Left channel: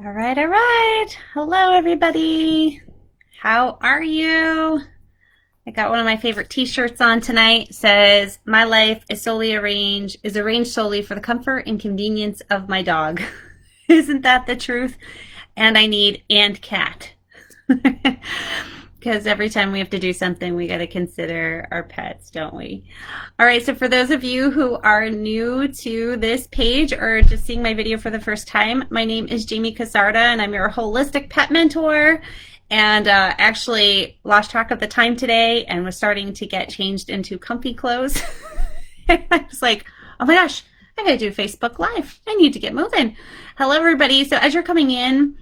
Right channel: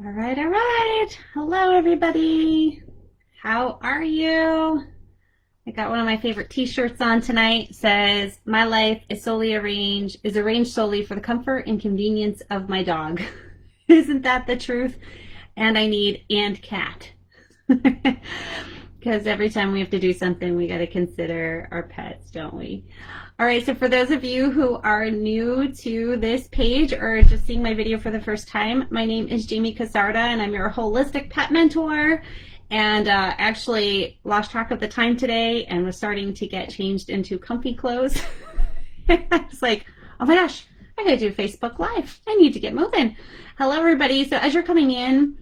All right, all right. Hello, everybody. How are you? I got one of my favorite t-shirts on tonight. It says, "My life is arranged solely for the comfort and convenience of my dog." Isn't that the truth? And I need and cat. Because every time we have to do something, we got to consider our pets, don't we? All right, so for those of you who are new to this page or just seeing my video for the first time, my name is Jamie Casarda and I'm your holistic pet mentor. And actually lost track of the time today and was starting to get changed into comfy clothes. I was like, oh my gosh, I gotta do Facebook Live. I need to get moving. Hello, everybody. So as you're coming in,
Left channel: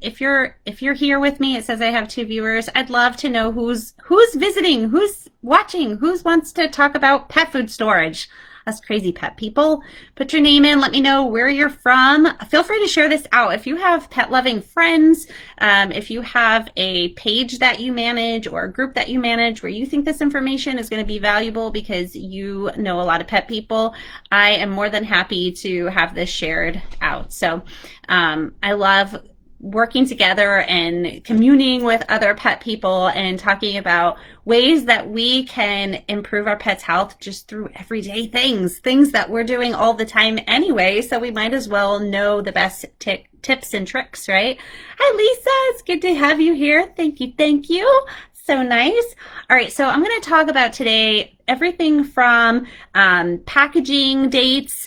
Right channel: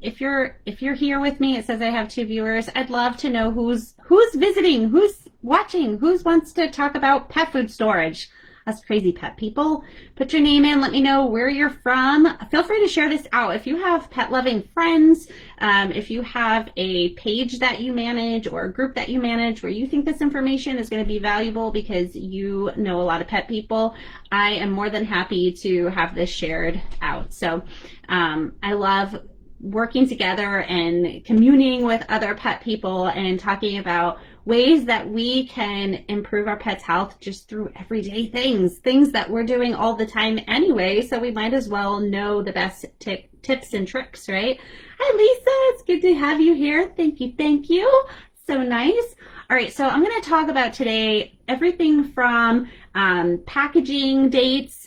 if you're here with me, it says I have two viewers. I'd love to know who's visiting, who's watching, who wants to talk about pet food storage. Us crazy pet people. Put your name in. Let me know where you're from. Feel free to share this out. If you have pet loving friends, if you have a page that you manage or a group that you manage where you think this information is going to be valuable because you know a lot of pet people, I am more than happy to have this shared out. So I love working together and communing with other pet people and talking about ways that we can improve our pets' health just through everyday things that we're doing all the time anyway. So we might as well know the best tips and tricks, right? Hi, Lisa. It's good to have you here. Thank you. Thank you. So nice. All right, so I'm going to talk about today everything from packaging dates,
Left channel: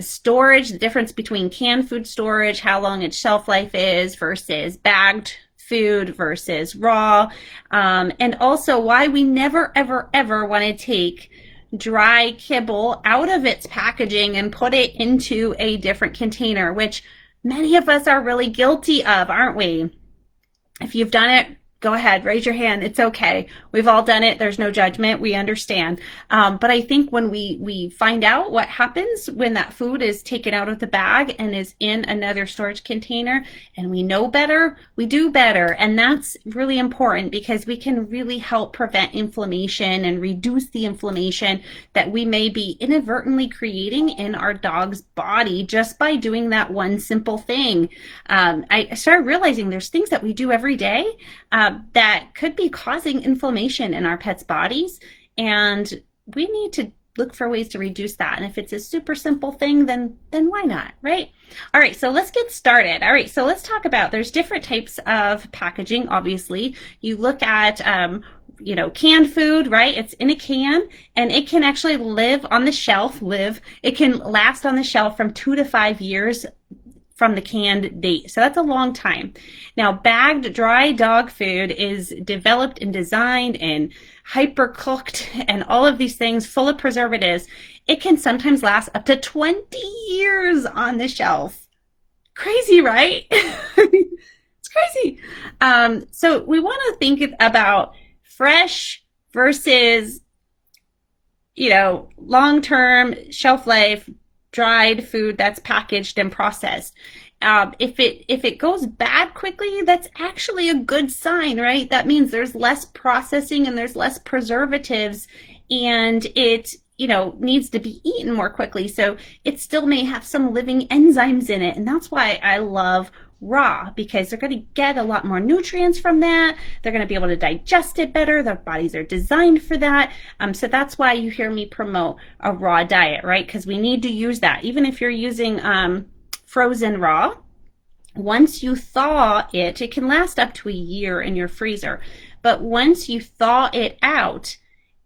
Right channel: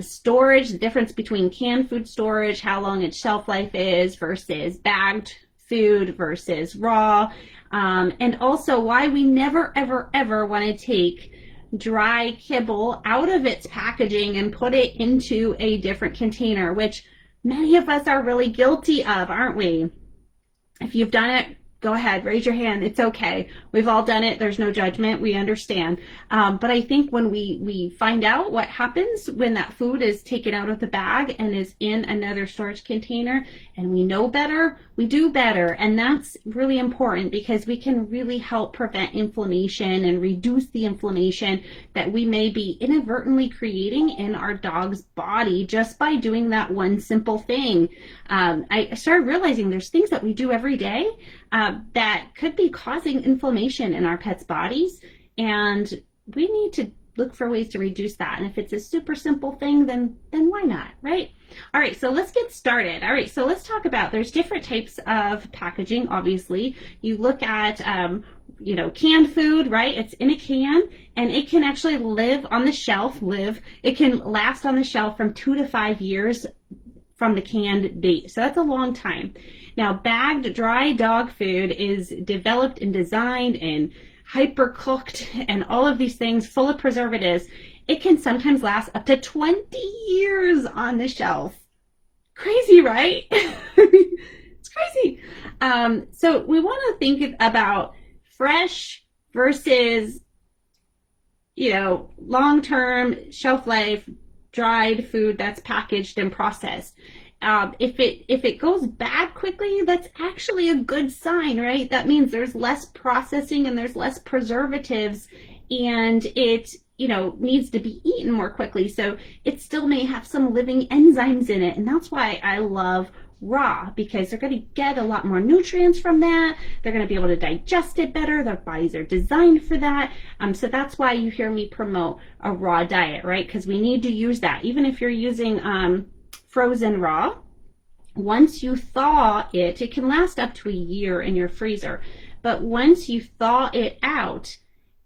storage, the difference between canned food storage, how long its shelf life is versus bagged food versus raw, and also why we never, ever want to take dry kibble out of its packaging and put it into a different container, which many of us are really guilty of, aren't we? If you've done it, go ahead, raise your hand. It's okay. We've all done it. There's no judgment. We understand. But I think when we find out what happens when that food is taken out of the bag and is in another storage container and we know better, we do better. And that's really important because we can really help prevent inflammation and reduce the inflammation that we may be inadvertently creating in our dog's body just by doing that one simple thing. I started realizing there's things that we do every day that could be causing inflammation in our pets' bodies, and we need to look for ways to reduce that. And if it's a super simple thing, then why not, right? All right, so let's get started. All right, so let's talk about, there's different types of packaging. Obviously, you look at canned food, right? It's in a can and it can actually live on the shelf. It can last on the shelf from 2 to 5 years from the canned date. So that's a long time. Now, bagged dry dog food is developed and designed and hyper cooked and all of these things full of preservatives. It can sometimes last up to 20 years on the shelf. Crazy, right? It's crazy. So we want to think about fresh versus, long-term shelf life dried food that's packaged and processed. If it goes bad quickly, that's actually a good sign, right? That means there's less processing and there's less preservatives, and it needs to be eaten more quickly. So it still may have some living enzymes in it, and that's why I love raw, because they're going to get a lot more nutrients from that. They're going to be able to digest it better. Their bodies are designed for that. So that's why you hear me promote a raw diet, right? Because we need to use that. Even if you're using frozen raw, once you thaw it, it can last up to a year in your freezer. But once you thaw it out,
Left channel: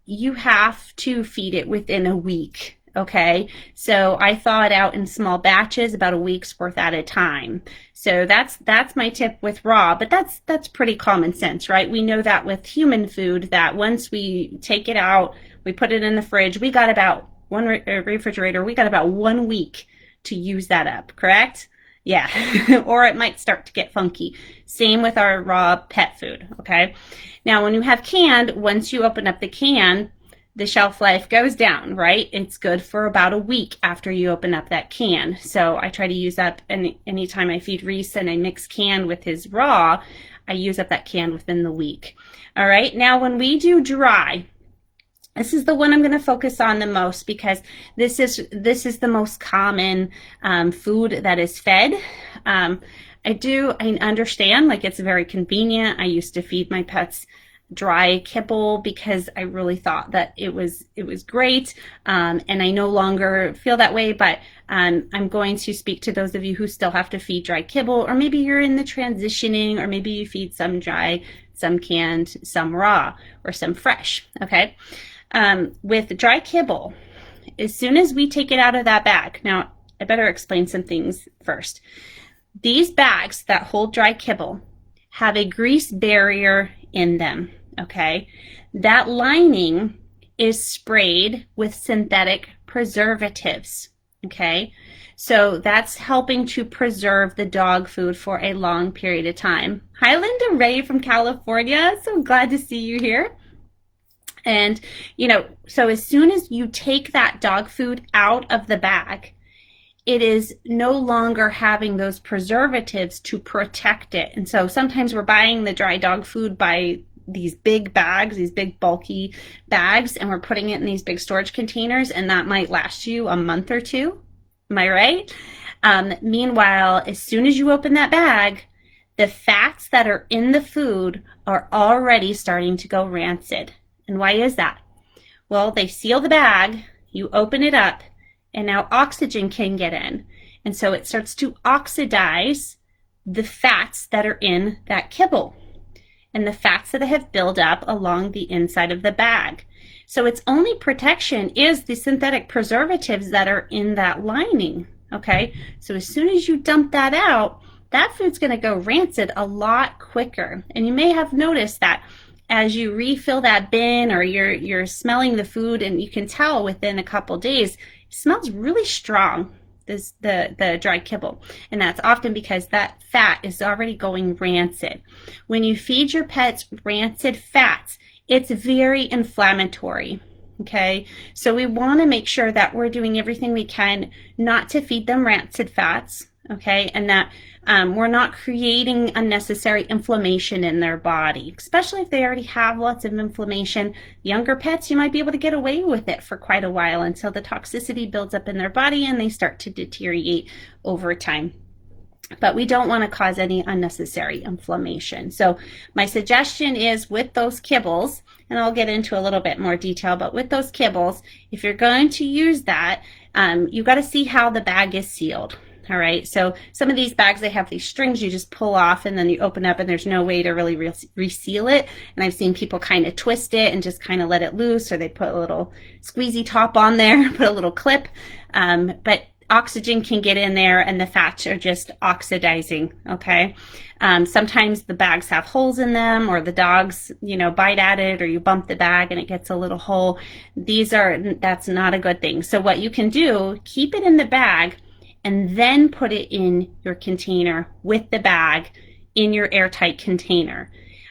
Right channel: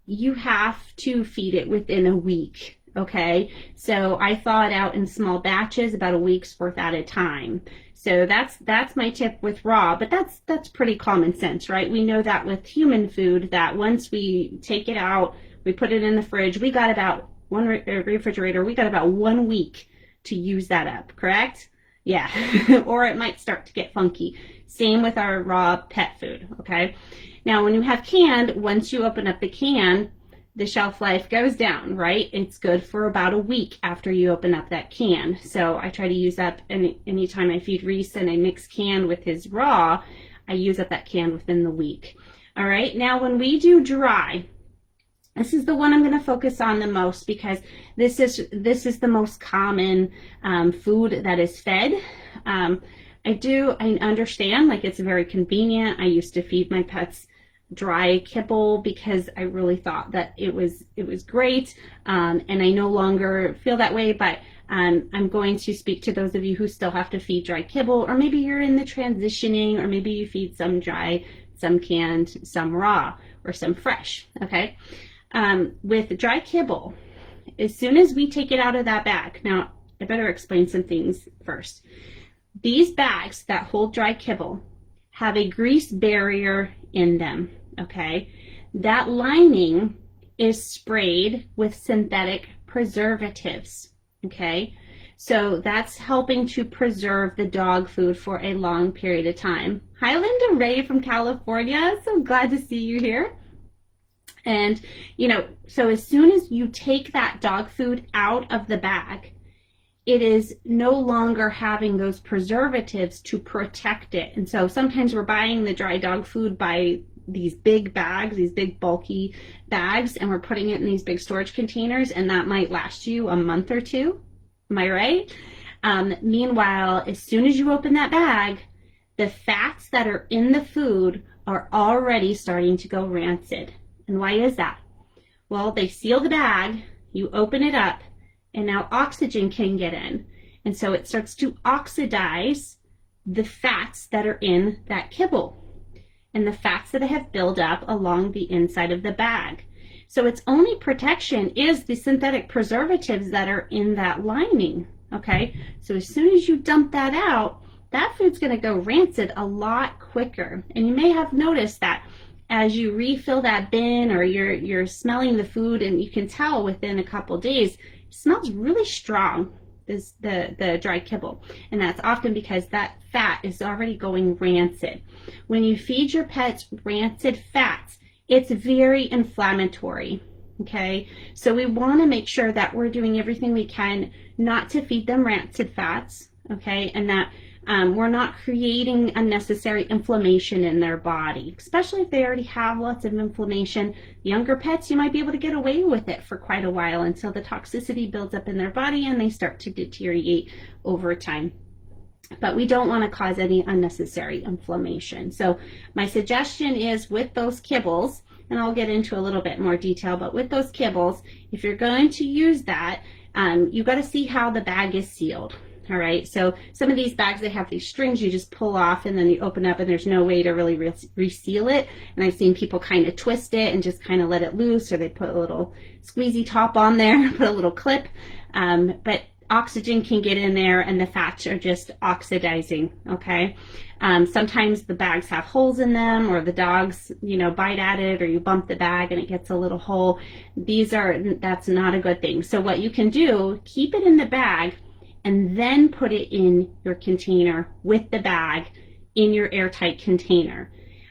you have to feed it within a week. Okay, so I thaw it out in small batches, about a week's worth at a time. So that's my tip with raw, but that's pretty common sense, right? We know that with human food, that once we take it out, we put it in the fridge, we got about refrigerator, we got about 1 week to use that up, correct? Yeah, or it might start to get funky. Same with our raw pet food, okay? Now, when you have canned, once you open up the can, the shelf life goes down, right? It's good for about a week after you open up that can. So I try to use up anytime I feed Reese and I mix can with his raw, I use up that can within the week. All right, now when we do dry, This is the one I'm going to focus on the most because this is the most common food that is fed. I understand, like, it's very convenient. I used to feed my pets dry kibble because I really thought that it was great, and I no longer feel that way. But I'm going to speak to those of you who still have to feed dry kibble, or maybe you're in the transitioning, or maybe you feed some dry, some canned, some raw, or some fresh. Okay. With dry kibble, as soon as we take it out of that bag, now I better explain some things first. These bags that hold dry kibble have a grease barrier in them, okay? That lining is sprayed with synthetic preservatives, okay? So that's helping to preserve the dog food for a long period of time. Hi, Linda Ray from California. So glad to see you here. And, so as soon as you take that dog food out of the bag, it is no longer having those preservatives to protect it. And so sometimes we're buying the dry dog food by these big bags, these big bulky bags, and we're putting it in these big storage containers, and that might last you a month or two. Am I right? Meanwhile, as soon as you open that bag, the fats that are in the food are already starting to go rancid. And why is that? Well, they seal the bag, you open it up, and now oxygen can get in. And so it starts to oxidize the fats that are in that kibble and the fats that have built up along the inside of the bag. So its only protection is the synthetic preservatives that are in that lining, okay? So as soon as you dump that out, that food's gonna go rancid a lot quicker. And you may have noticed that as you refill that bin, or you're smelling the food, and you can tell within a couple days, it smells really strong, the dry kibble. And that's often because that fat is already going rancid. When you feed your pets rancid fats, it's very inflammatory. Okay, so we want to make sure that we're doing everything we can not to feed them rancid fats, okay, and that we're not creating unnecessary inflammation in their body, especially if they already have lots of inflammation. Younger pets, you might be able to get away with it for quite a while until the toxicity builds up in their body and they start to deteriorate over time. But we don't want to cause any unnecessary inflammation. So my suggestion is, with those kibbles, and I'll get into a little bit more detail, but with those kibbles, if you're going to use that, you've got to see how the bag is sealed. All right, so some of these bags, they have these strings you just pull off, and then you open up and there's no way to really reseal it. And I've seen people kind of twist it and just kind of let it loose, or they put a little squeezy top on there, put a little clip. But oxygen can get in there and the fats are just oxidizing, okay? Sometimes the bags have holes in them, or the dogs, bite at it, or you bump the bag and it gets a little hole. That's not a good thing. So what you can do, keep it in the bag and then put it in your container with the bag in your airtight container.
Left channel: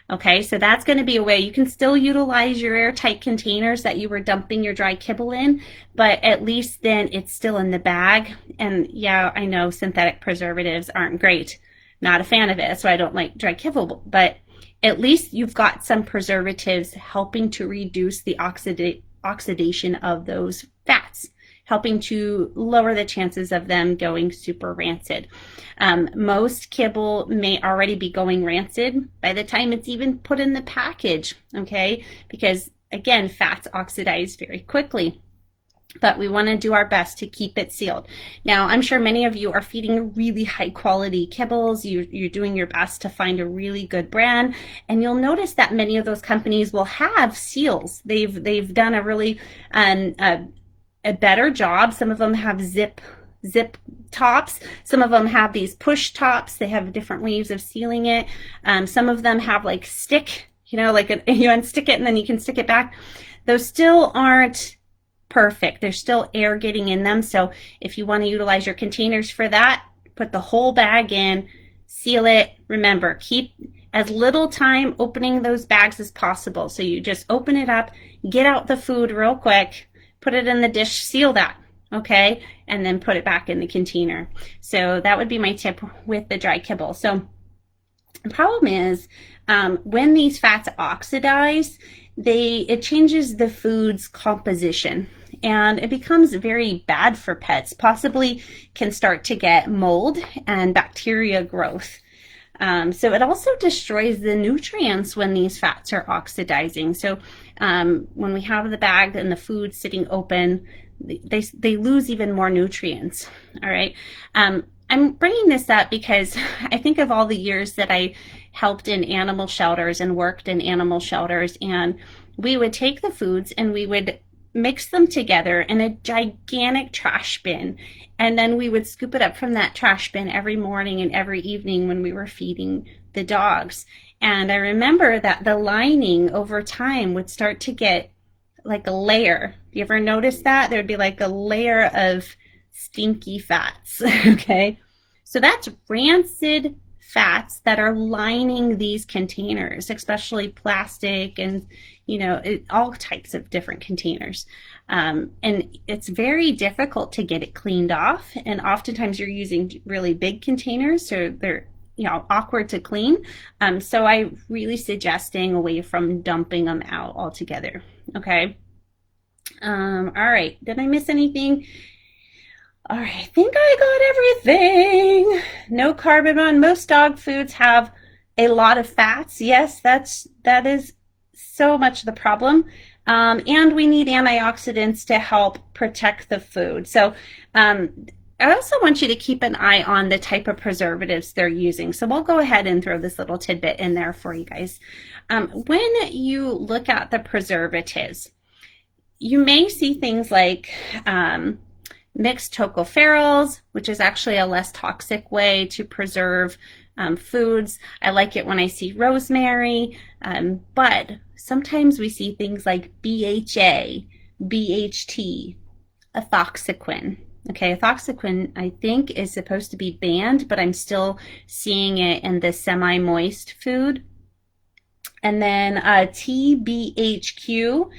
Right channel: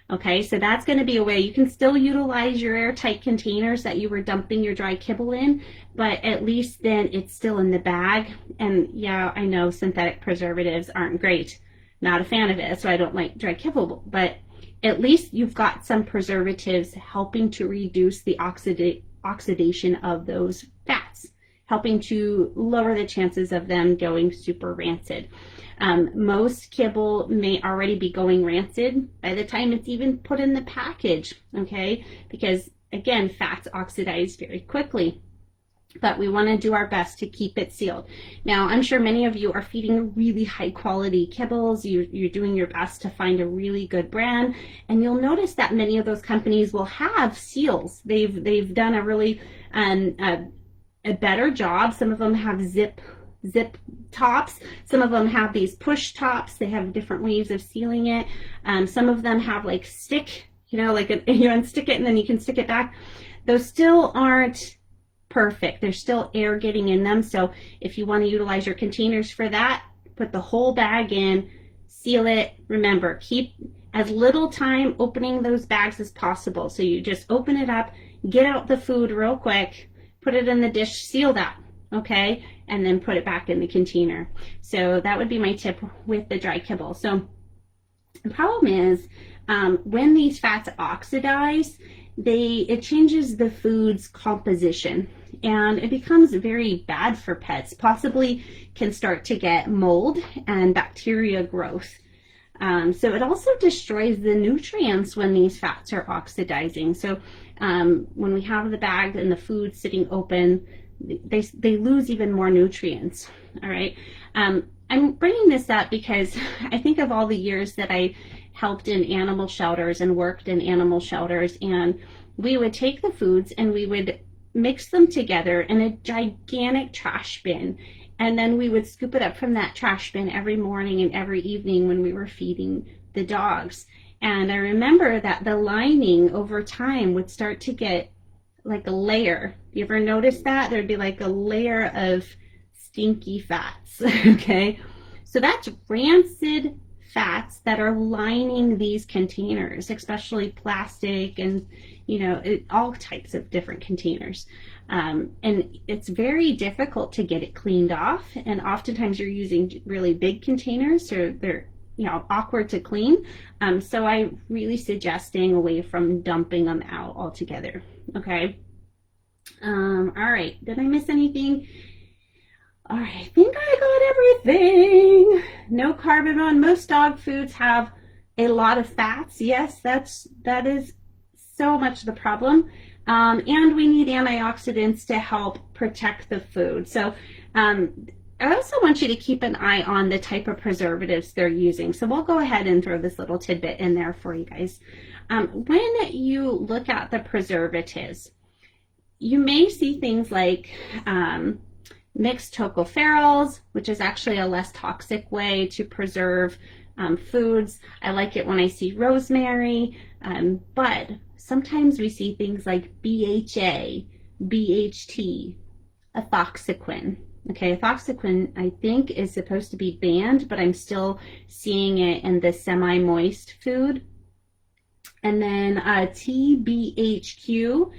Okay, so that's going to be a way you can still utilize your airtight containers that you were dumping your dry kibble in, but at least then it's still in the bag. And yeah, I know synthetic preservatives aren't great. Not a fan of it. That's why I don't like dry kibble, but at least you've got some preservatives helping to reduce the oxidation of those fats, helping to lower the chances of them going super rancid. Most kibble may already be going rancid by the time it's even put in the package, okay? Because again, fats oxidize very quickly, but we want to do our best to keep it sealed. Now, I'm sure many of you are feeding really high quality kibbles. You're doing your best to find a really good brand, and you'll notice that many of those companies will have seals. They've done a really a better job. Some of them have zip tops. Some of them have these push tops. They have different ways of sealing it. Some of them have like stick, you unstick it and then you can stick it back. Those still aren't perfect. There's still air getting in them. So if you want to utilize your containers for that, put the whole bag in, seal it. Remember, keep as little time opening those bags as possible. So you just open it up, get out the food real quick, put it in the dish, seal that, okay? And then put it back in the container. So that would be my tip with the dry kibble. So the problem is when these fats oxidize, it changes the food's composition, and it becomes very bad for pets, possibly can start to get mold and bacteria growth. So it also destroys the nutrients when these fats are oxidizing. So when we have the bag and the food sitting open, they lose even more nutrients. All right. I'm bringing this up because I think of all the years that I helped in animal shelters and worked in animal shelters, and we would take the foods and we would mix them together in a gigantic trash bin, and then we would scoop it up from that trash bin every morning and every evening when we were feeding the dogs. And I remember that the lining over time would start to get like a layer. You ever notice that? There'd be like a layer of stinky fats. Okay, so that's rancid fats that are lining these containers, especially plastic and all types of different containers. And it's very difficult to get it cleaned off, and oftentimes you're using really big containers, so they're awkward to clean. So I really suggest staying away from dumping them out altogether. Okay. All right, did I miss anything? All right, I think I got everything. No carbon. Most dog foods have a lot of fats. Yes, that is so much the problem. And we need antioxidants to help protect the food. So I also want you to keep an eye on the type of preservatives they're using. So we'll go ahead and throw this little tidbit in there for you guys. When you look at the preservatives, you may see things like mixed tocopherols, which is actually a less toxic way to preserve foods. I like it when I see rosemary, but sometimes we see things like BHA, BHT, ethoxyquin. Okay, ethoxyquin I think is supposed to be banned, but I'm still seeing it in the semi-moist food. And then TBHQ,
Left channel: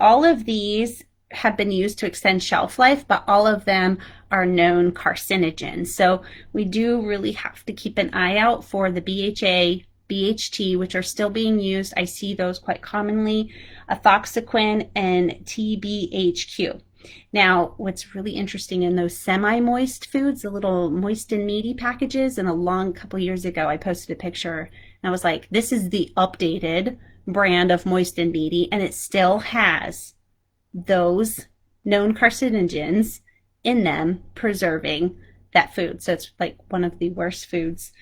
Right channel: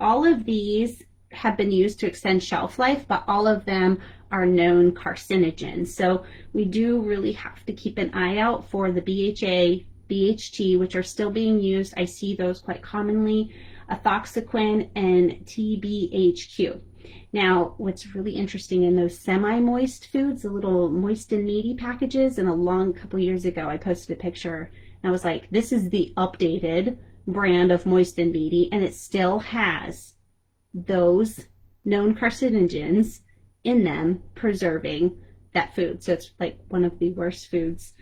all of these have been used to extend shelf life, but all of them are known carcinogens. So we do really have to keep an eye out for the BHA, BHT, which are still being used. I see those quite commonly, ethoxyquin and TBHQ. Now, what's really interesting in those semi-moist foods, the little moist and meaty packages, and a long couple years ago, I posted a picture and I was like, this is the updated brand of moist and meaty, and it still has those known carcinogens in them preserving that food. So it's like one of the worst foods.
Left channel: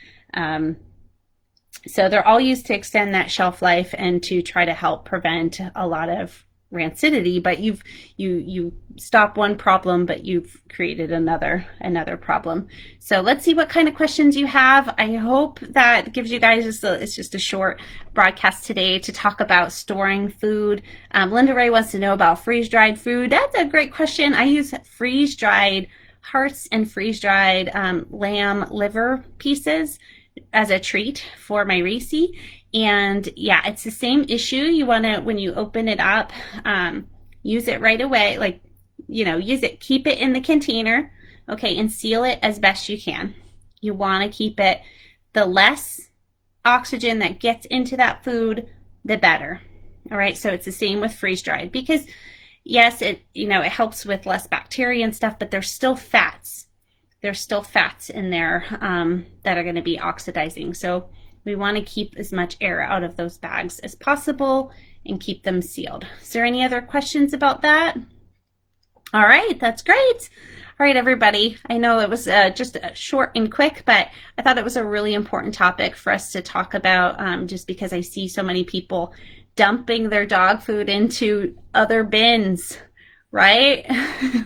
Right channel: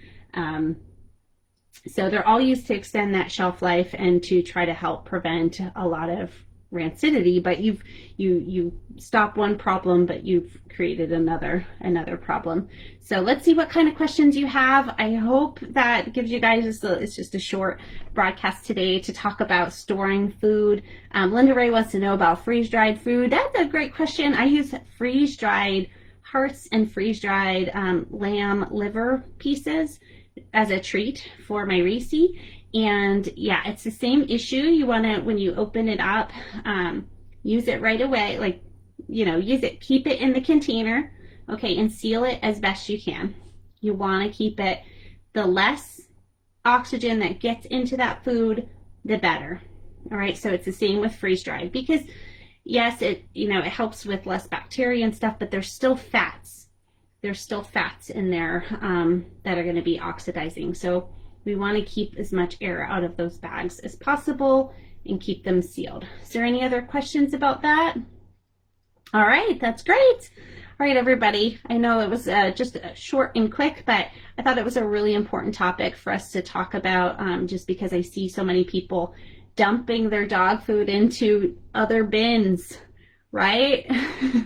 So they're all used to extend that shelf life and to try to help prevent a lot of rancidity, but you stop one problem, but you've created another problem. So let's see what kind of questions you have. I hope that gives you guys it's just a short broadcast today to talk about storing food. Linda Ray wants to know about freeze-dried food. That's a great question. I use freeze-dried hearts and freeze-dried lamb liver pieces as a treat for my Reese. And yeah, it's the same issue. You want to, when you open it up, use it right away. Like, use it, keep it in the container, okay, and seal it as best you can. You want to keep it, the less oxygen that gets into that food, the better. All right, so it's the same with freeze-dried, because yes, it helps with less bacteria and stuff, but there's still fats. There's still fats in there that are going to be oxidizing. So we want to keep as much air out of those bags as possible and keep them sealed. Is there any other questions about that? All right, that's great. All right, everybody. I know it was just short and quick, but I thought it was a really important topic for us to talk about just because I see so many people dumping their dog food into other bins, right?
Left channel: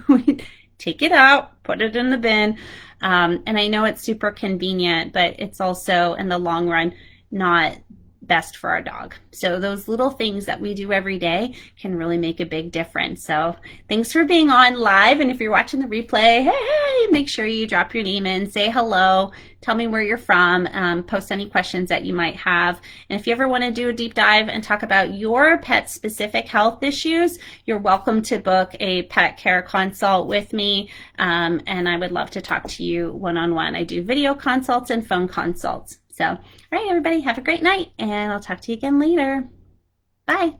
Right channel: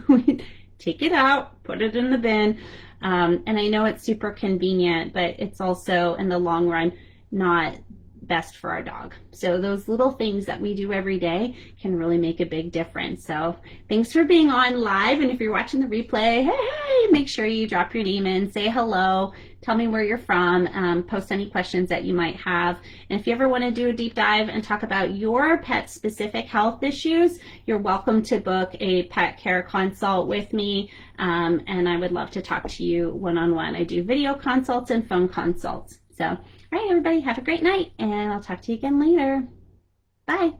We take it out, put it in the bin. And I know it's super convenient, but it's also in the long run not best for our dog. So those little things that we do every day can really make a big difference. So thanks for being on live. And if you're watching the replay, hey, make sure you drop your name in, say hello, tell me where you're from, post any questions that you might have. And if you ever want to do a deep dive and talk about your pet specific health issues, you're welcome to book a pet care consult with me. And I would love to talk to you one-on-one. I do video consults and phone consults. So, all right, everybody, have a great night, and I'll talk to you again later. Bye.